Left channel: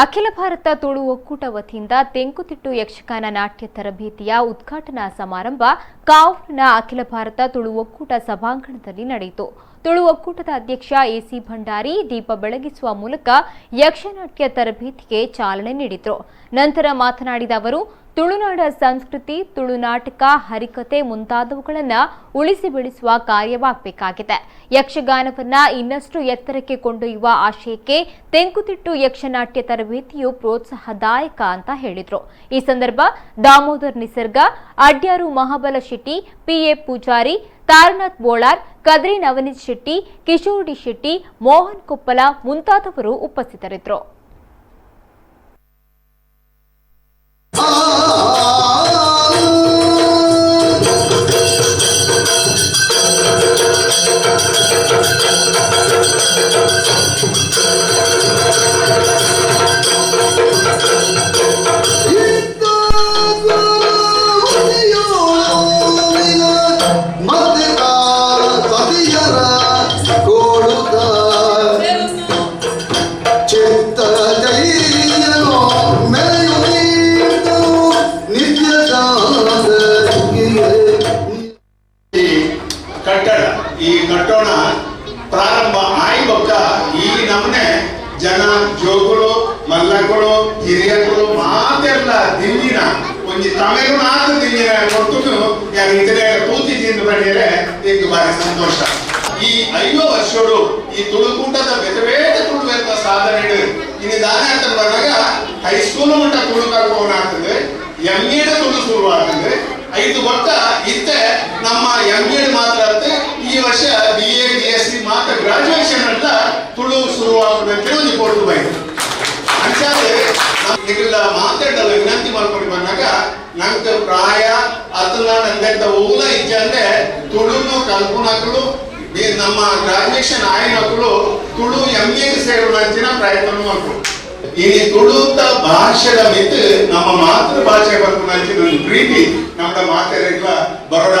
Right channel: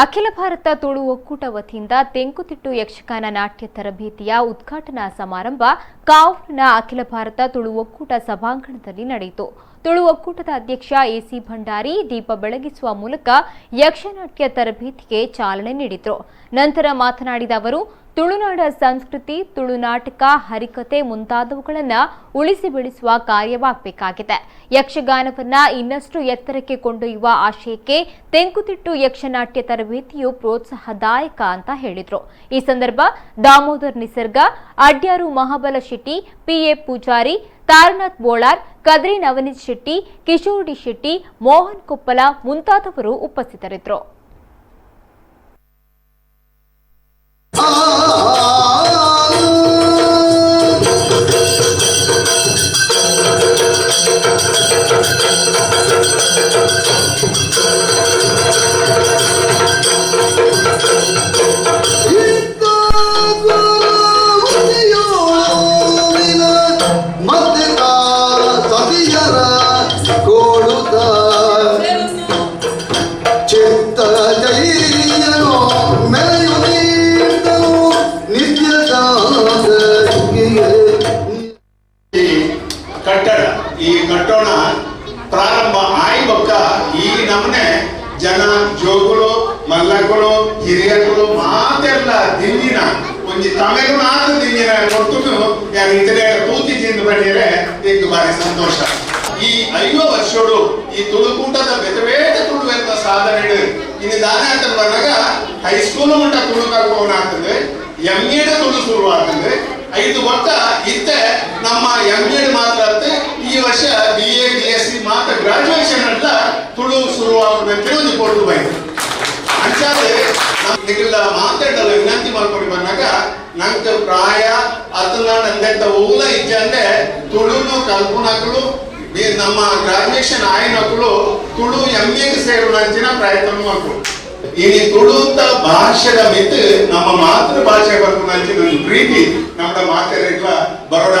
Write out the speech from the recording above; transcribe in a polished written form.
ಅಖಿಲ ಭಾರತ ತುಳು ಒಕ್ಕೂಟ ವತಿಯಿಂದ ತೆಂಕುತಿಟ್ಟು ಯಕ್ಷಗಾನ ನಾಟ್ಯ ತರಬೇತಿಯ ಉದ್ಘಾಟನಾ ಸಮಾರಂಭ ಕಾವೂರಿನ ಅಖಿಲ ಭಾರತ ತುಳು ಒಕ್ಕೂಟ ಸಭಾಂಗಣದಲ್ಲಿ ನಡೆಯಿತು. ತುಳು ಒಕ್ಕೂಟದ ಅಧ್ಯಕ್ಷ ಎಸಿ ಭಂಡಾರಿ ದೀಪ ಬೆಳಗಿಸುವ ಮೂಲಕ ಯಕ್ಷನಾಟ್ಯ ತರಬೇತಿಗೆ ಚಾಲನೆ ನೀಡಿದರು. ನಂತರ ಮಾತನಾಡಿದ ಅವರು, ತುಳುನಾಡ ಸಂಸ್ಕೃತಿ, ತುಳು ನಾಟಕ, ಹರಿಕತೆ ಮುಂತಾದವುಗಳನ್ನು ಉಳಿಸಿ ಬೆಳೆಸುವ ಕಾರ್ಯವಾಗಬೇಕಾಗಿದೆ. ಯಕ್ಷಗಾನವನ್ನ ಇನ್ನಷ್ಟು ಎತ್ತರಕ್ಕೆ ಕೊಂಡೊಯ್ಯುವ ಆಶಯಕ್ಕೆ ತೆಂಕುತಿಟ್ಟು ಯಕ್ಷನಾಟ್ಯ ತರಬೇತಿಯು ಪ್ರೋತ್ಸಾಹದಾಯಕ ಅಂತ ಹೇಳಿದರು. ಈ ಸಂದರ್ಭ ದಾಮೋದರ್ ನಿಸರ್ಗ, ಅಡ್ಯಾರು ಮಹಾಬಲ ಶೆಟ್ಟಿ, ಪಿಎ ಪೂಜಾರಿ, ತಾರನಾಥ್ ಬೋಳಾರ್, ಕದ್ರಿ ನವನೀತ್ ಶೆಟ್ಟಿ, ಕಿಶೋರ್ ಶೆಟ್ಟಿ, ಮೋಹನ್ ಕೊಪ್ಪಲ ಮುಂತಾದವರು ಉಪಸ್ಥಿತರಿದ್ದರು. ಈ ಕಟ್ಟೋಣ ಪ್ರಾರಂಭ ಆಯ್ಬಕ್ಕ ಈ ನಮ್ಮನೆ ಜನ ಜೋಗುಲು ಮಲ್ಲಗಳು ಹಿರಿಯಗಳು ಮಾತೆಲ್ಲ ದಿಲ್ಲಿನ ಒಂಜಿ ತಮಿಳುನಾಡು ದಿಲ್ಲಿನ ಕೊಟ್ಟು ಯಾರು ಇದರ ತೂತಿ ತಿಂದು ಬಂದಿರೆ ಈಗ ಬಾರಿ ಸಂತೋಷ. ಈ 5 ವರ್ಷಗಳು ಈ ತುಳುಕೂಟದ ಬೇತೆ ತುಳುವೆತ್ತ ಸಾಧನೆ ಇನ್ನು ದಾನ ಅಂತ ಬಂದಾಗ ಹೈಸ್ಕೂಲ್ ಮಟ್ಟ ತುಳು ಕಲ್ಪವನ ಆಗ್ತದೆ, MA ತುಳು ಶುರು ಆಗ್ತದೆ. 5 ವರ್ಷ ಇತ್ತೆ ನಮ್ಮ MA ಮಾತ್ರ ಈ ವರ್ಷ BA BSc ಮಾತ್ರ ಗ್ರಾಜುಯೇಷನ್ ಅಂತ ತುಳು ಶುರುವಾಗುವಂತೆ ಒಂದು ಕೊಟ್ಟು ಬೈತು ಅಂಚಾದ್ರೆ ನಿಗಲ್ಲ ಮಾತಾಡಲು ವಿನಂತಿ ಮಾಡ್ಕೊಂಡು ಬಂದಾಗ ನಂಗೆ ಪ್ರಾಯ ಅದನ್ನ ನಂದೆಂತ ಊಲ ಇಜ್ಜೆ ಅಂದ್ರೆ ತುಳುನು ಕಲ್ಪನಾಕಲು ನಮ್ಮ ಗ್ರಾಜುಯೇಷನ್ ಆಯ್ನಕ್ಕಳು ತುಳು MA ಸೇರುವ ಅಂಚಿನ ಪ್ರಯತ್ನ ಮಾಡ್ಕೊಂಡು ಇನಿ ತುಳುತ್ತ ಭಾಷೆದ ಮಿತ್ ನಮ್ಮ ಮಾತೃ ಭಾಷೆ ಬರ್ಕೊಂಡು ಅಂಚಿನ ಪ್ರೀತಿ ನಮ್ಮ ಮಾತೆಲ್ಲ ಬರೋಡ